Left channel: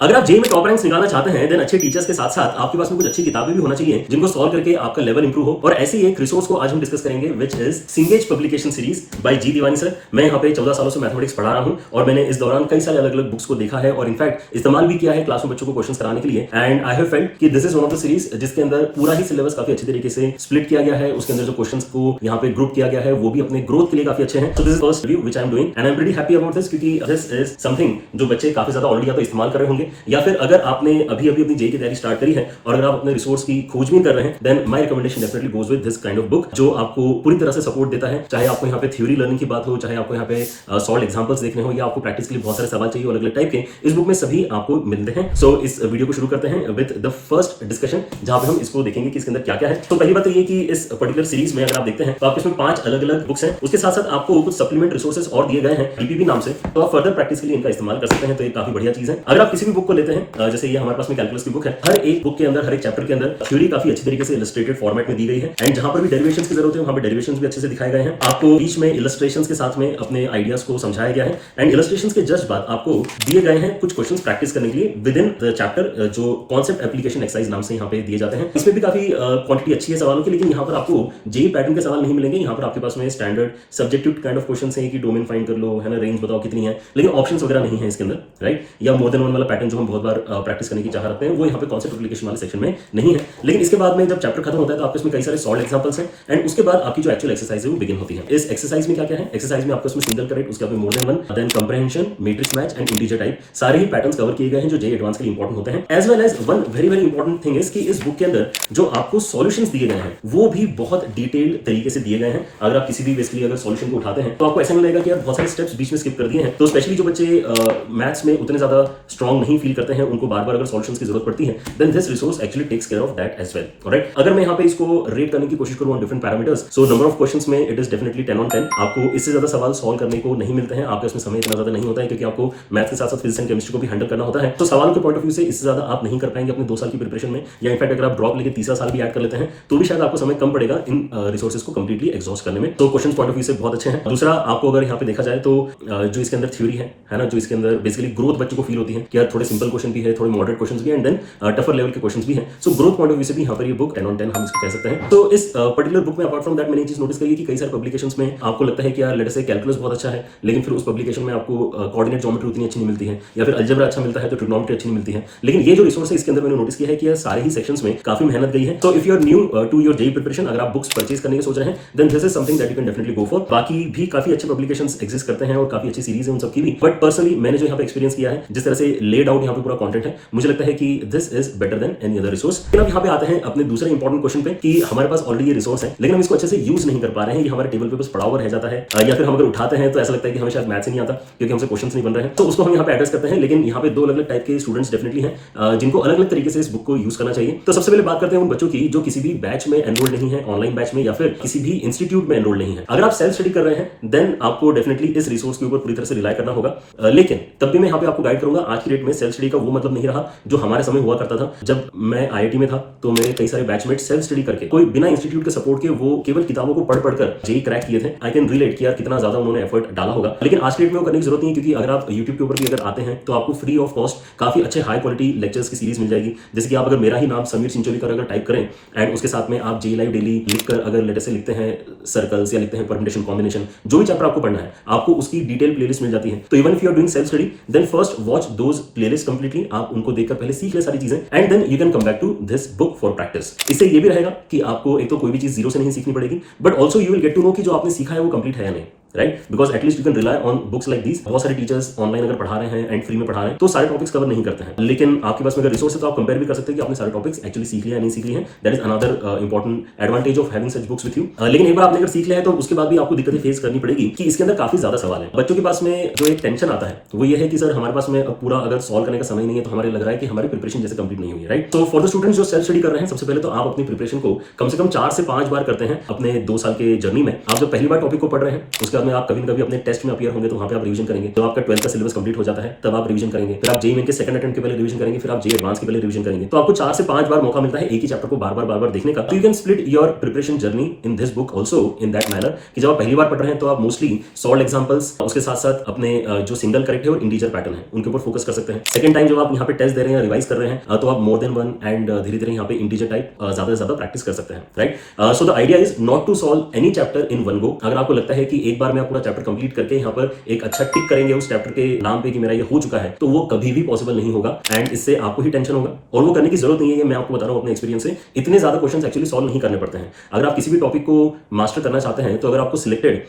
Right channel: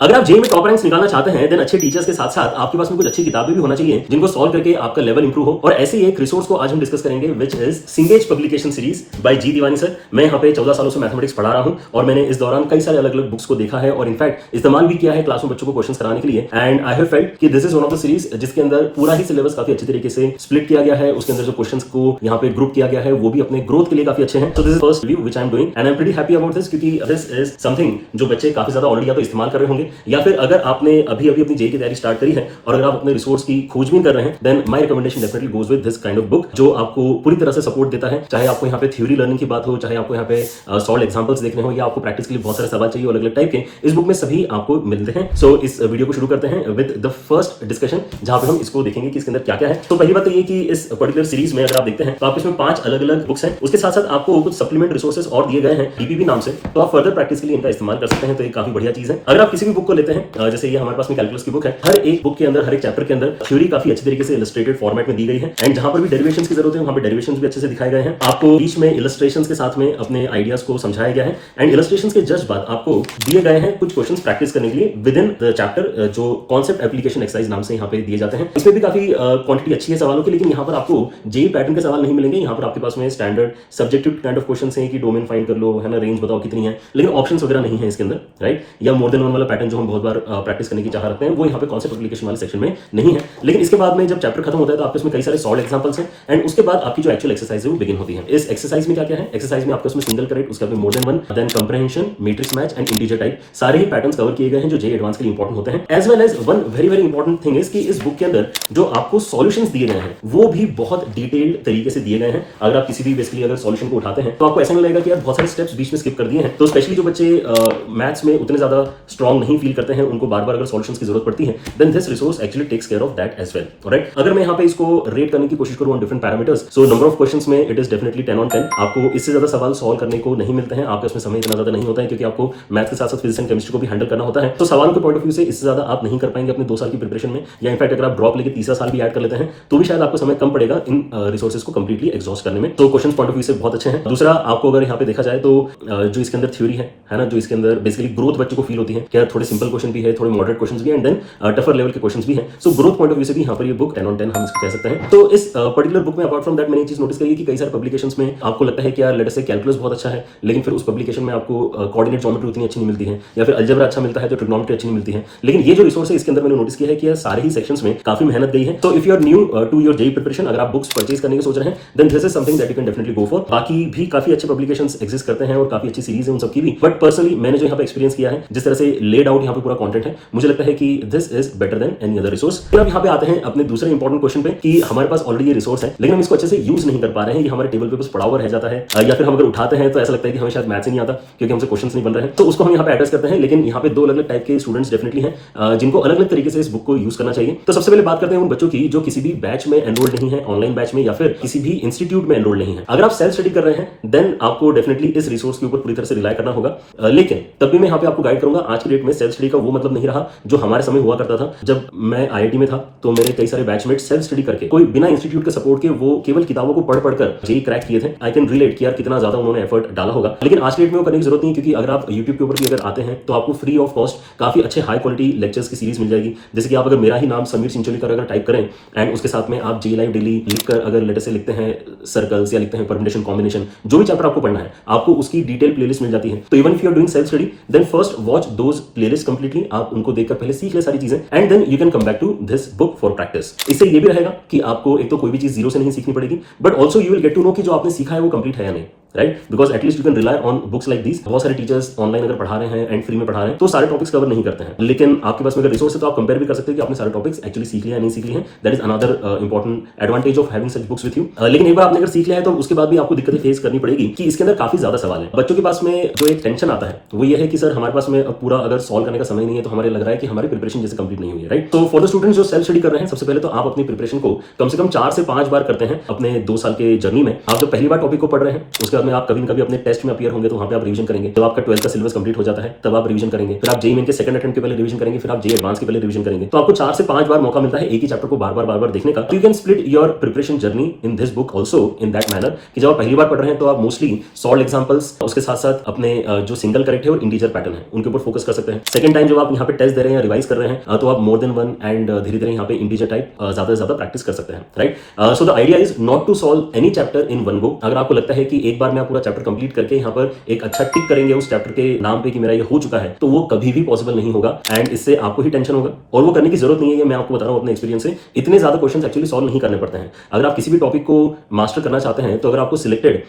अगर आप जेईई में टॉप रैंक्स निकालना चाहते हैं, देन अच्छे टीचर्स के साथ साथ आपके पास में कुछ अच्छी किताबें भी होना चाहिए जिनको सॉल्व करके आपका लेवल इंप्रूव हो। और ऐसे ही एक रिसोर्स को आज हम डिस्कस करेंगे which is Cengage publication series by G Tewani sir. मैं यहाँ पे 14 सालों से मैथमेटिक्स पढ़ा रहा हूँ और मैंने इस दौरान कई सारे अलग अलग बुक्स को देखा है और इनफैक्ट इस्तेमाल भी किया है क्लास में बच्चों को क्वेश्चन कराने के लिए। एंड आई हैव फेल्ट कि this is one of the series जिसके अंदर पूरा ही सिलेबस काफी अच्छी तरीके से स्प्लिट किया गया है। उसके अंदर जो क्वेश्चंस को यहाँ पे ग्रुप किया गया है वो भी अपने ग्रोथ के लिए काफी अच्छे हैं। So this is first review which I am doing and I am pretty happy about this क्योंकि दिस इज समथिंग जो बच्चे काफी ज्यादा ऑलरेडी या तो इस्तेमाल कर रहे होंगे या फिर अगर आपने अभी अपनी जेईई की तैयारी स्टार्ट करी है और अगर आप अपने रिसोर्स की खोज भी कर रहे हैं, then my recommendation definitely goes with this kind of book जो आपको पूरी तरह से सपोर्ट देता है। चाहे आपको यहाँ पे थ्योरी लर्निंग की बात हो, चाहे आपको यहाँ पे सॉल्व एग्जांपल्स देखने हो या आपको प्रैक्टिस के लिए बहुत सारे सवाल चाहिए अलग अलग टाइप के, इस बुक में सभी आपको मिलते हैं। सो इस वीडियो को शुरू करते हैं विद द फर्स्ट डिस्कशन जहां पे हम इसको देखेंगे कि इसके अंदर क्या क्या है। तो पहली बात ये कि इस पर्टिकुलर सीरीज में अगर आप देखते हैं तो आपके इसमें 5 अलग अलग बुक्स हैं। उसके साथ साथ आपको कुछ सप्लीमेंट रिसोर्सेज और दिए गए हैं डीपीबी नाम से, तो आप फर्दर प्रैक्टिस के लिए इनका इस्तेमाल कर सकते हैं। तो ये काफी बढ़िया चीज है। अगर आप किसी भी बुक को लेते हैं, जैसे ये हमारे पास में कैलकुलस की बुक है, हर एक बुक के अंदर हर एक चैप्टर के अंदर थ्योरी काफी अच्छी तरीके से इलस्ट्रेटेड फॉर्मेट में दी गई है एंड जहां पर भी डेरिवेशंस की जरूरत है वहां पे डेरिवेशंस भी अच्छे से दिखाए गए हैं। आपको बीच में इलस्ट्रेशंस के साथ में अपने आइडियाज को समझाया गया है एंड इलस्ट्रेशंस के जस्ट बाद आपको दिए गए हैं कुछ क्वेश्चंस प्रैक्टिस करने के लिए विद इन द चैप्टर जो कॉन्सेप्ट एप्लीकेशन एक्सरसाइज नाम से यहाँ पे दिए जाते हैं। इसमें भी काफी क्वांटिटी अच्छी है सवालों की, लेकिन यहाँ पर आपको जेईई पैटर्न के सवाल नहीं मिलेंगे। यहाँ पर आपके पास में standard subjective kind of questions हैं कि डोमेन फाइंड कर लो, है ना, रेंज बताओ कितनी है, लेकिन ऑप्शंस वगैरह नहीं है इसके अंदर, राइट। या मोर देन वन वाला पैटर्न जो हम बहुत बार प्रैक्टिस करने की चाह रखते हैं वो यहाँ पे कॉन्सेप्ट एप्लीकेशन वाले सेक्शन में नहीं है। लेकिन इसके बाद में जब चैप्टर खत्म होता है तो आपके इसमें कई सारे सॉल्व एग्जांपल्स हैं एंड उसके बाद आपकी जो एक्चुअल एक्सरसाइज है वो बिगिन होती है। इस एक्सरसाइज में क्या क्या है, एक्सरसाइज में आपको इसमें सिंगल करेक्ट, उसके बाद more than one, then comprehension, matrix match and integer type, सारे ही पैटर्न्स कवर किए गए हैं जो जेईई एडवांस के लिए इंपॉर्टेंट होते हैं। As well as one very very important thing is कि इस बुक के अंदर जो आपको सॉल्यूशंस दिए गए हैं वो भी बहुत डिटेल्ड तरीके से दिए गए हैं। अगर आप किसी भी बेसिकली अगर सॉल्यूशन को उठाते हैं तो आपको ऐसा नहीं लगेगा कि यार बहुत सारे स्टेप्स बीच में स्किप कर दिए हैं। तो स्पेशली जो बच्चे मैथ्स में उतने ज्यादा स्ट्रांग नहीं फील करते हैं, उनको बार बार अगर सॉल्यूशंस की जरूरत पड़ती है, then this resource actually takes care of that as well, right. अगर मैं यहाँ पे इसको रेट करने की कोशिश करूँ on different parameters, so number of questions में इट इज डेफिनेटली 10 on 10। आपको इससे ज्यादा सवाल सॉल्व करने को नहीं मिलते हैं, आपके उसमें समय इतना ज्यादा नहीं होता है क्योंकि आपको मैथ्स के साथ साथ फिजिक्स एंड केमिस्ट्री को भी हैंडल करना होता है। तो सवाल के पॉइंट ऑफ व्यू से इससे ज्यादा आप नहीं कर पाएंगे अपने 2 साल की प्रिपरेशन में, या इनफैक्ट अगर आप ड्रॉप लेके तीसरा साल भी ऐड कर लेते हैं तो भी शायद आपको समय कम पड़ेगा इन रिसोर्सेज को कंप्लीटली एग्जॉस्ट करने में। तो क्वेश्चन पॉइंट ऑफ व्यू से बहुत अच्छा है। दूसरा, आपको अगर यहाँ पे देखा जाए तो जो इसके अंदर थ्योरी है ना, जो इसके अंदर बेसिकली ग्रोथ बच्चों को फील होती है कि थोड़े सिंपल क्वेश्चन भी है, थोड़े मॉडरेट क्वेश्चन भी है एंड देन टफर लेवल के क्वेश्चन भी है। So growth point of view से भी यहाँ पर ये बुक 10 on 10 हम इसको कह सकते हैं। तो इस पर्टिकुलर बुक में अपार्ट फ्रॉम दैट मैंने चीज नोटिस करी कि कई सारे पब्लिकेशंस में आपको लगता है कि यार लेट अस से कैलकुलस बहुत अच्छा है, लेकिन फिर उस पब्लिकेशन में आपको कोऑर्डिनेट ज्योमेट्री उतनी अच्छी नहीं मिलती है, या फिर अलजेब्रा अच्छा मिलता है तो ट्रिग्नोमेट्री अच्छी नहीं मिलती है। लेकिन ये जो रिसोर्स है इसके अंदर मैंने नोटिस किया है कि सारे ही सेक्शंस में काफी मेहनत गई है। So if you are new to your JEE preparation, अगर आप बुक्स परचेज करने की सोच रहे हैं, then this is something that you can definitely go for. बाकी भी काफी अच्छे पब्लिकेशंस एग्जिस्ट करते हैं और काफी अच्छी सीरीज है उन सबकी भी, बट पर्सनली मैंने जो यहाँ पे एक्सपीरियंस किया है, जिस तरह से लेड आउट यहाँ पे पूरा कंटेंट है, मुझे लगता है कि this is better than any other resource. फिर अब यहाँ पे आते हैं अपने दूसरे इंपॉर्टेंट क्वेश्चन पे कि हमारे पास ऑलरेडी ये रिसोर्स है लेकिन हम इसको अच्छे से यूज नहीं कर पा रहे हैं, ये हमारे टेबल पे बस पड़ा हुआ रह जाता है, या फिर हम अगर उठाते हैं तो ऐसा लगता है कि हमें शायद मैथ्स ही नहीं आता क्योंकि हमसे क्वेश्चंस नहीं बन रहे हैं। तो उसको हम यहाँ पे एड्रेस करते हैं। लेकिन यहाँ पे 2 अलग अलग टाइप के स्टूडेंट्स डेफिनेटली हैं जिनको अलग अलग तरीके से इस बुक को यूज करना चाहिए। तो सबसे पहले बात करते हैं उन बच्चों की जो किसी भी बैच में एनरोल्ड नहीं है, ऑनलाइन बैच में या फिर किसी भी इंस्टीट्यूट में एनरोल्ड नहीं है। अगर आप सेल्फ स्टडी कर रहे हैं देन आपको डेफिनेटली इस रिसोर्स के ऊपर पूरी तरह से रिलाई करना होगा। लेकिन तब भी मैं यहाँ पे आपको गाइड करूंगा, आज की डेट में सेल्फ स्टडी का वो मतलब नहीं रहा जो हमारे समय हुआ करता था। जब मैं आईआईटी में था तो मेरे कई सारे बैचमेट सेल्फ स्टडी करके, कोई बिना इंस्टीट्यूट के सपोर्ट के, वो केवल किताबों को पढ़ कर जेईई क्रैक किए थे। आई कैन रिलेट किया कितना ज्यादा उन्होंने एफर्ट डाला होगा। लेकिन आज की डेट में वो करने की जरूरत नहीं, क्योंकि अगर आप यूट्यूब के ऊपर भी अगर आते हैं तो आपको फ्री ऑफ कॉस्ट काफी अच्छे हाई क्वालिटी लेक्चर्स की सीरीज मिल जाएगी। जैसे कि आप अगर मेरा ही नाम समीर सिंचोलीकर अगर टाइप करें एंड उसके साथ में आप जेईई लाइव डेली लिखकर अगर लेटर से लिखते हैं सर्कल्स या लिखते हैं परम्यूटेशन कॉम्बिनेशन, जो भी चैप्टर आपको पढ़ना है आपको उसकी डिटेल प्लेलिस्ट मिल जाती है। तो even if you are doing self study then first watch those playlist completely, आप उनको देखकर पहले सीख ले सारी चीजें and then you can come back to this book for practice. इससे ये भी रहेगा कि आपको एक तो कोई भी चीज जीरो से नहीं सीखनी पड़ेगी, but also you will get to know कि जो आपने सीखा है वो कंप्लीट है या नहीं, right. Because at least you can rely on books like this. बहुत सारे टीचर्स ऑनलाइन अगर पढ़ा रहे हैं एंड फ्री में पढ़ा रहे हैं तो सारे टॉपिक्स कवर नहीं करते हैं, लेकिन आपके पास में अगर रिसोर्स है तो आप कंपेयर भी कर सकते हैं कि आपने सारे टॉपिक्स एक्चुअली सीख लिया या नहीं सीख लिए हैं। That is another important advantage of having such books with you. लेकिन एक बार आपने अगर सीख लिया है तो उसके बाद भी आपको दिक्कतें फेस करनी पड़ेगी कि इसके अंदर काफी ज्यादा सवाल है। बच्चों के पास में जो एक टेंशन आता है वो ये है कि सर हमारे पास में पूरा अगर सॉल्व करने का समय नहीं है तो हमारे लग रहा है कि हमारी प्रिपरेशन जैसे कंप्लीट नहीं हुई है, राइट। तो फॉर द स्टूडेंट्स जो सेल्फ स्टडी कर रहे हैं, सबसे पहले तो आप अपनी प्रिपरेशन को कम से कम 4 से 5 बार करते हैं अपने 2 साल के जर्नी में। आप जब पहली बार टॉपिक को पढ़ रहे हैं उसके बाद में आप कभी न कभी अपने टेस्ट में अपीयर होंगे तो वहां पे आप रिवीजन करेंगे। तो आपका 12th का सिलेबस कंप्लीट हो जाता है तब आप रिवीजन करेंगे, फिर आप जेईई मेन के सेकंड अटेम्प्ट के पहले रिवीजन करेंगे, फिर आप जेईई एडवांस के पहले रिवीजन करेंगे। तो आपको 4 से 5 बार मौका मिलता है एक ही चैप्टर को बार-बार देखने का। You can split your preparation journey in this book also in that manner कि जब आप पहली बार पढ़ रहे हैं तो आप मोस्टली सॉल्व एग्जांपल्स, उसके साथ-साथ अपने जो सिंगल करेक्ट है और इंटीजर पैटर्न है उनके ऊपर फोकस कर सकते हैं। सेकंड टाइम जब आप यहाँ पे टेस्ट दे रहे हैं या रिवाइज कर रहे हैं तो आप मोर देन वन एंड धीरे-धीरे यहाँ पे इंटीजर टाइप ज्यादा से ज्यादा प्रैक्टिस कर सकते हैं, right. So the idea is not to solve any chapter in one go. अगर आपको लगता है कि एक बार में आप पूरा चैप्टर कंप्लीट करके यहाँ पर एक अच्छा टिक करेंगे उस चैप्टर के नाम पे कि मेरा ये हो चुका है, तो वो कभी भी पॉसिबल नहीं होगा एंड इससे आपको ही टेंशन होगा। और वो करने की जरूरत नहीं है, मैं आपको बता रहा हूँ अपने एक्सपीरियंस से, इतने ज्यादा क्वेश्चंस एक्चुअली सॉल्व नहीं करने पड़ते हैं। अगर आप किसी भी टॉपिक को मास्टर करना चाहते हैं तो अगर आपको सिलेक्टेड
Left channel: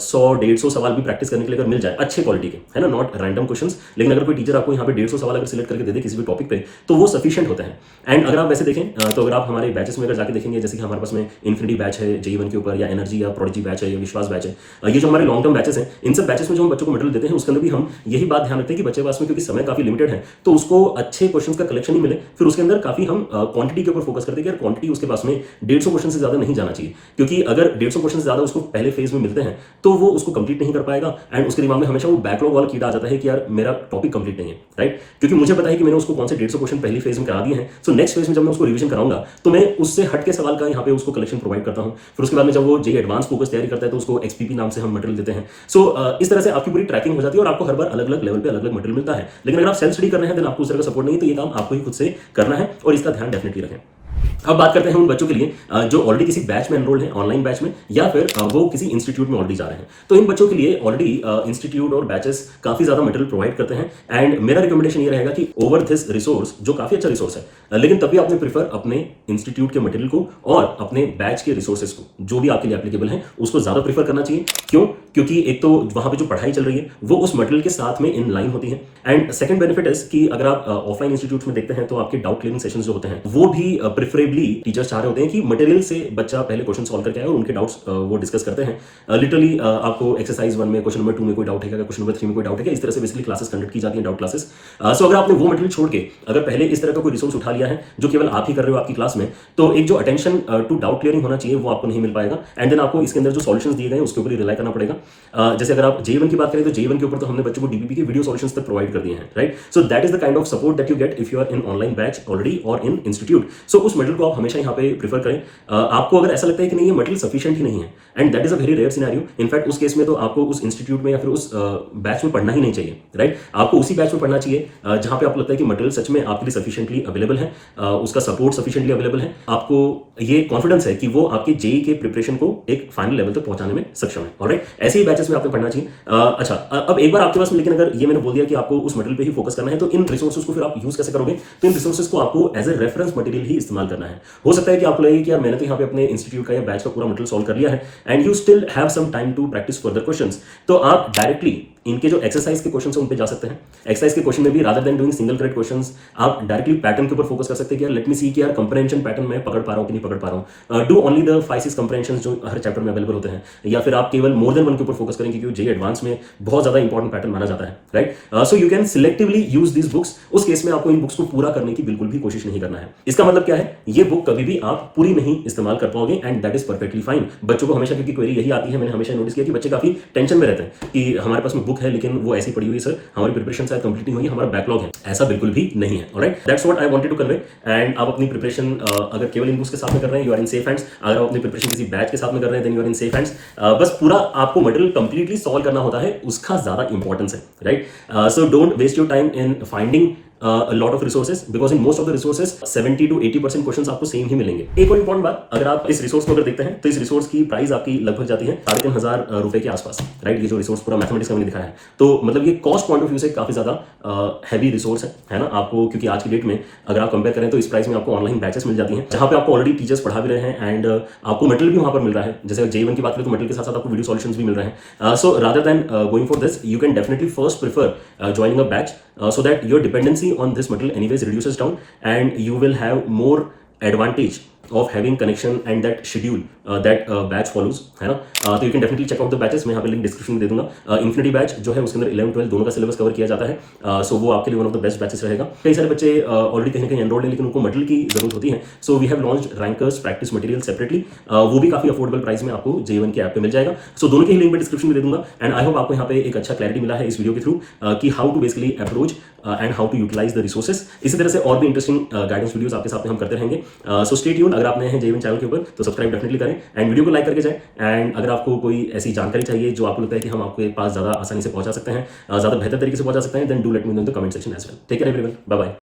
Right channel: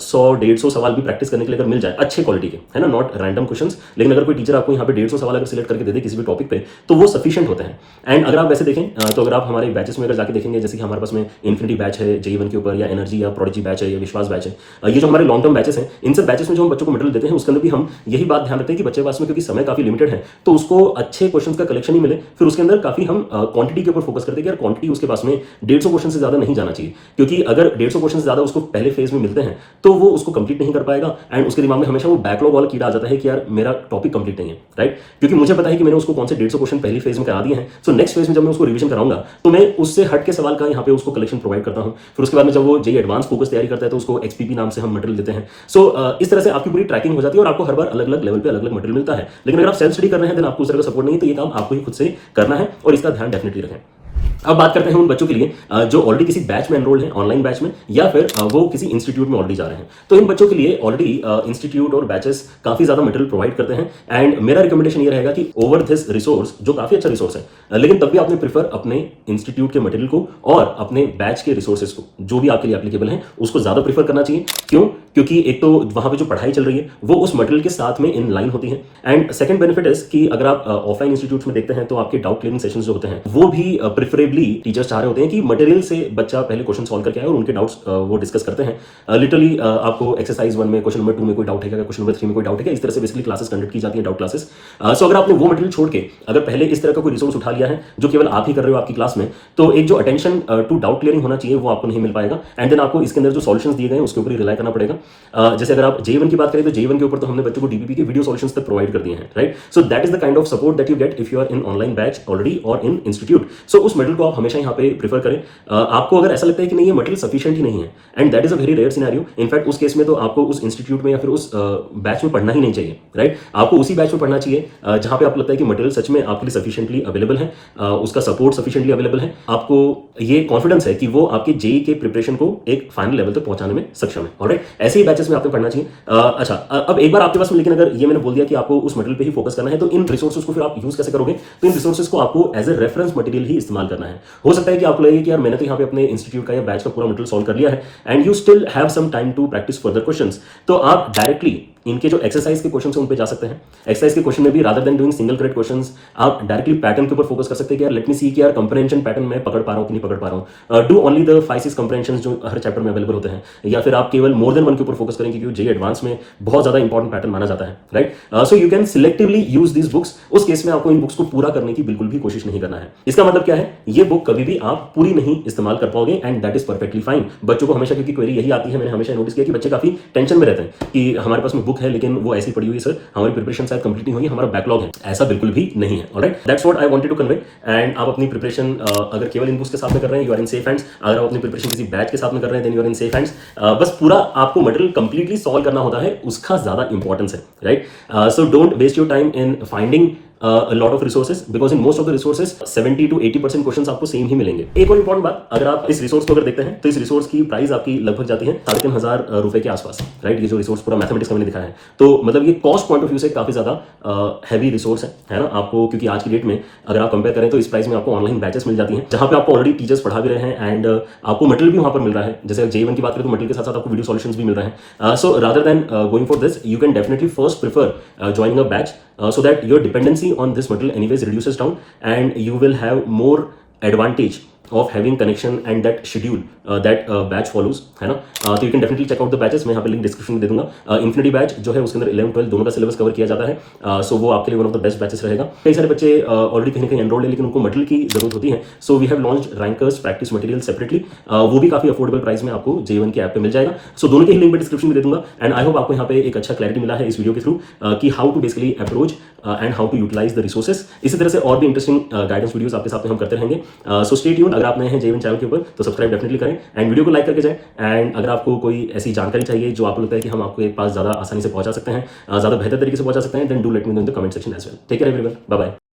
100-150 सवाल भी प्रैक्टिस करने के लिए अगर मिल जाए अच्छे क्वालिटी के, है ना, नॉट रैंडम क्वेश्चंस, लेकिन अगर कोई टीचर आपको यहाँ पे 150 सवाल अगर सिलेक्ट करके दे दे किसी भी टॉपिक पे तो वो सफिशिएंट होता है। एंड अगर आप वैसे देखें तो अगर आप हमारे बैचेस में अगर जाके देखेंगे, जैसे कि हमारे पास में इन्फिनिटी बैच है जेईई 1 के ऊपर, या एनर्जी या प्रोडिजी बैच है, या विश्वास बैच है, ये जो हमारे लॉन्ग टर्म बैचेस हैं, इन सब बैचेस में जो हम बच्चों को मटेरियल देते हैं उसके अंदर भी हम यही बात ध्यान रखते हैं कि बच्चे पास में क्योंकि समय काफी लिमिटेड है तो उसको अच्छे क्वेश्चंस का कलेक्शन ही मिले। फिर उसके अंदर काफी हम क्वांटिटी के ऊपर फोकस करते हैं कि यार क्वांटिटी उसके पास में 150 क्वेश्चन से ज्यादा नहीं जाना चाहिए, क्योंकि अगर 150 क्वेश्चन से ज्यादा उसको पहले फेज में मिलते हैं तो वो उसको कंप्लीट नहीं कर पाएगा एंड उसके दिमाग में हमेशा वो बैकलॉग वाला कीड़ा आ जाता है कि यार मेरा टॉपिक कंप्लीट नहीं है, राइट। क्योंकि मुझे पता है कि मैंने उसको कौन से 150 क्वेश्चन पहली फेज में करा दिए हैं, सो नेक्स्ट फेज में जब मैं उसको रिवीजन कराऊंगा तो मैं उससे हट के सवाल का यहाँ पे उसको कलेक्शन प्रोवाइड करता हूँ। फिर उसके बाद में जब वो जेईई एडवांस फोकस तैयारी करता है तो उसको एक्सपीपी नाम से हम मटेरियल देते हैं। सो इस तरह से आपकी पूरी ट्रैकिंग हो जाती है और आपको हर बार अलग अलग लेवल पे अलग अलग मटेरियल मिलता है। लेकिन अगर आप सेल्फ स्टडी कर रहे हैं तो आपको उस तरह का सपोर्ट नहीं है, तो ये काम आपको ही खुद से करना है और इसका ध्यान डेफिनेटली रखें। अब बात करते हैं उन बच्चों के लिए जो ऑलरेडी किसी बैच में एनरोल्ड हैं, ऑनलाइन बैच में, या फिर वो किसी इंस्टीट्यूट में ऑलरेडी जा रहे हैं। तो इन बच्चों के लिए ऑलरेडी इंस्टीट्यूट और बैचेस काफी ज्यादा मटेरियल प्रोवाइड करते हैं एंड मेरा रिकमेंडेशन ये रहेगा कि ओवर दिस रिसोर्स, जो काफी अच्छा रिसोर्स है, लेकिन तब भी आपने प्रीफर अपने इंस्टीट्यूट के मटेरियल को और अपने बैच के रिसोर्सेज को, जो भी आपके लिए एप्लीकेबल है, उसको ज्यादा प्रीफर करना चाहिए। क्यों? क्योंकि एक तो वहां पे जो पढ़ाई चल रही है वो उस मटेरियल के साथ में इन लाइन होती है एंड सेकंड बेनिफिट इज कि अगर आप ऑफलाइन इंस्टीट्यूट में देखते हैं तो आपके डाउट क्लियरिंग सेशंस जो होते हैं वो भी प्रेफरेबली टीचर्स चाह रहे होते हैं कि मटेरियल से बच्चा पहले क्वेश्चन सॉल्व करके आए और उनके डाउट्स वो डिस्कस करते हैं। लिटरली आपको एक्सरसाइज 1 में, क्वेश्चन नंबर 2 में कोई डाउट है क्या, क्वेश्चन नंबर 3 में कोई डाउट है क्या, इस तरह से बेसिकली क्लासेस कंडक्ट की जाती है, डाउट क्लासेस। सो अगर आपने वो मटेरियल छोड़ के अगर पहले इस तरह का कोई रिसोर्स उठा लिया है जो केवल आप ही कर रहे हो आपकी क्लास में, तो एक जो अटेंशन टू डाउट क्लियरिंग होना चाहिए वो आपको नहीं मिल पाएगा एंड देन आपको इसके अंदर जो सॉल्यूशंस दिए गए उसके ऊपर रिलाई करना पड़ेगा। जैसे अगर आप जेईई 1 की बात करें तो जेईई 1 के ऊपर तो हमने बच्चों को डीबीपी के वीडियो सॉल्यूशंस तक प्रोवाइड कर दिए हैं, right. So that is the kind of support that you get if you are in online batch already और इन इंस्टीट्यूट। सो उस मटेरियल को आप हमेशा यहाँ पे प्रीफर करें। आपको अगर ऐसा लगता है कि नहीं ये मटेरियल सफिशिएंट ही नहीं है and that is a very rare scenario, in fact उस केस में तो आपको उस इंस्टीट्यूट में या फिर उस बैच में पढ़ना ही नहीं चाहिए, राइट। आपको उसी बैच में पढ़ना चाहिए जहां पे आपको लगता है कि मटेरियल सच में आपके लिए सफिशिएंटली अवेलेबल है, उसका सपोर्ट सफिशिएंटली अवेलेबल है, आपको ये कॉन्फिडेंस है कि वो आपकी जेईई के प्रिपरेशन को एक फाइनल लेवल तक पहुंचाने में सक्षम है, ऑलराइट। ऐसे ही बैचेस में आपको करना चाहिए। अच्छा, अब एक बार आपके पास में, लेकिन अगर ये मैंने बोल दिया कि आपको उस मटेरियल पे ही फोकस करना है तो इन रिसोर्सेज को फिर आप यूज कैसे करोगे? तो इन रिसोर्सेज को आपको एज ए रेफरेंस मटेरियल ही इस्तेमाल करना है। हो सकता है कि आपको लगे कि यार मैंने तो यहाँ पे अपने इंस्टीट्यूट का या बैच का पूरा मटेरियल सॉल्व कर लिया है and you still have some time to practice further questions, तो आप डायरेक्टली इनके जो एक्सरसाइज के क्वेश्चन है उन पे जा सकते हैं। एक्सरसाइज के क्वेश्चन में भी rather than doing single correct questions आप डायरेक्टली पैटर्न के ऊपर फोकस कर सकते हैं कि यार लेट मी सी कि यार कंप्रेहेंशन पैटर्न में पकड़ पा रहा हूं कि नहीं पकड़ पा रहा हूं। डू ओनली द 5-6 कंप्रेहेंशंस जो हर चैप्टर में अवेलेबल होते हैं, या फिर आप केवल मोर देन वन के ऊपर फोकस करेंगे क्योंकि जेईई एडवांस में बहुत ज्यादा इंपॉर्टेंट पैटर्न माना जाता है, right. So you can selectively use these books. उस केस में आपको इन बुक्स को पूरा करने की बिल्कुल भी कोशिश नहीं करना है। इसका मतलब क्या है? ये बुक कभी भी आप पूरी नहीं इस्तेमाल कर पाओगे and that is perfectly fine. बच्चों को हमेशा क्योंकि क्वेरी यही आती है, मैंने हमेशा नोटिस किया कि बच्चे काफी टेंशन में रहते हैं कि हमारे पास में बुक है लेकिन वो ऐसी पड़ी हुई, सर हमारी प्रिपरेशन शायद कंप्लीट नहीं होगी, हमारा बैकलॉग है। ऐसा बिल्कुल भी नहीं है, alright. That's what I wanted to convey. And आप अपनी प्रिपरेशन अगर केवल इन बुक्स के साथ में कर रहे हैं, you are in safe hands. अगर आप अपनी प्रिपरेशन किसी बैच के साथ में कर रहे हैं, then you are in safe hands. बस पूरा आपको मटेरियल कंप्लीटली सॉल्व करना होता है, उसका ज्यादा इंपॉर्टेंस है, right. So don't waste your time in finding a lot of resources because in most of the resources 70 to 80% questions आपको सेम ही मिलेंगे। एक और इंपॉर्टेंट बात, अगर आप इस रिसोर्स को अगर देखते हैं तो इस रिसोर्स की प्राइस आपकी लगभग जाती है 3,500 रुपए के आसपास, राइट। ये जो रिसोर्स पूरा मैथमेटिक्स का मैंने दिखाया है, तो मतलब ये कॉस्ट पॉइंट ऑफ व्यू से काफी ज्यादा हैवी रिसोर्स है ना आपको, क्योंकि आज की डेट में अगर आप कंपेयर करें तो इस प्राइस में आपको ऑनलाइन बैचेस मिल जाती हैं जहां पे आपको ऑलरेडी टीचर्स पढ़ा भी रहे हैं एंड आपको मटेरियल भी वहां पर मिल रहा है। जैसे जेईई 1 की बात करें तो मटेरियल के साथ साथ आपको वीडियो सॉल्यूशंस भी मिल रहे हैं। So rather than going for this, you can definitely first prefer joining a batch so that your dependency on this material anyways reduces down and you will have more advantage of having connection and that schedule that batch follows, है ना। तो you can definitely check out the batches, मैं यहाँ पे link description में दे दूंगा। Infinity batch जो है उसके अंदर 11-12 दोनों का सिलेबस कवर किया जाता है, सो वो आपके लिए one of the best batches रहेगा। कई सारे बच्चे ऑलरेडी कहीं ना कहीं एनरोल्ड है लेकिन उनको मटेरियल की जरूरत होती है, so we have launched rankers practice material separately, वो भी काफी अफोर्डेबल प्राइस में आपको J1 की ऐप पे मिल जाएगा। सो दोनों के ही लिंक मैं डिस्क्रिप्शन में दे दूंगा। एंड आई होप आपको यहाँ पे एक अच्छा क्लैरिटी मिला है इस वीडियो के थ्रू कि how to basically approach and how to utilize the resources. इसी तरह से और भी इंटरेस्टिंग गाइडेंस वीडियोस आपके साथ में हम करते रहेंगे। So stay tuned. अगर आप नए हैं J1 चैनल के ऊपर तो सब्सक्राइब डेफिनेटली करें एंड वीडियो को लाइक करके जाएं। एंड अगर आपको कोई ऐसी जानकारी चाहिए जो आपको लगता है कि हम आपके पास ज्यादा आसानी से पहुंचा सकते हैं, ज्यादा बेहतर तरीके से पहुंचा सकते हैं, then do let me know in the comment section as well. Take care everyone, bye bye.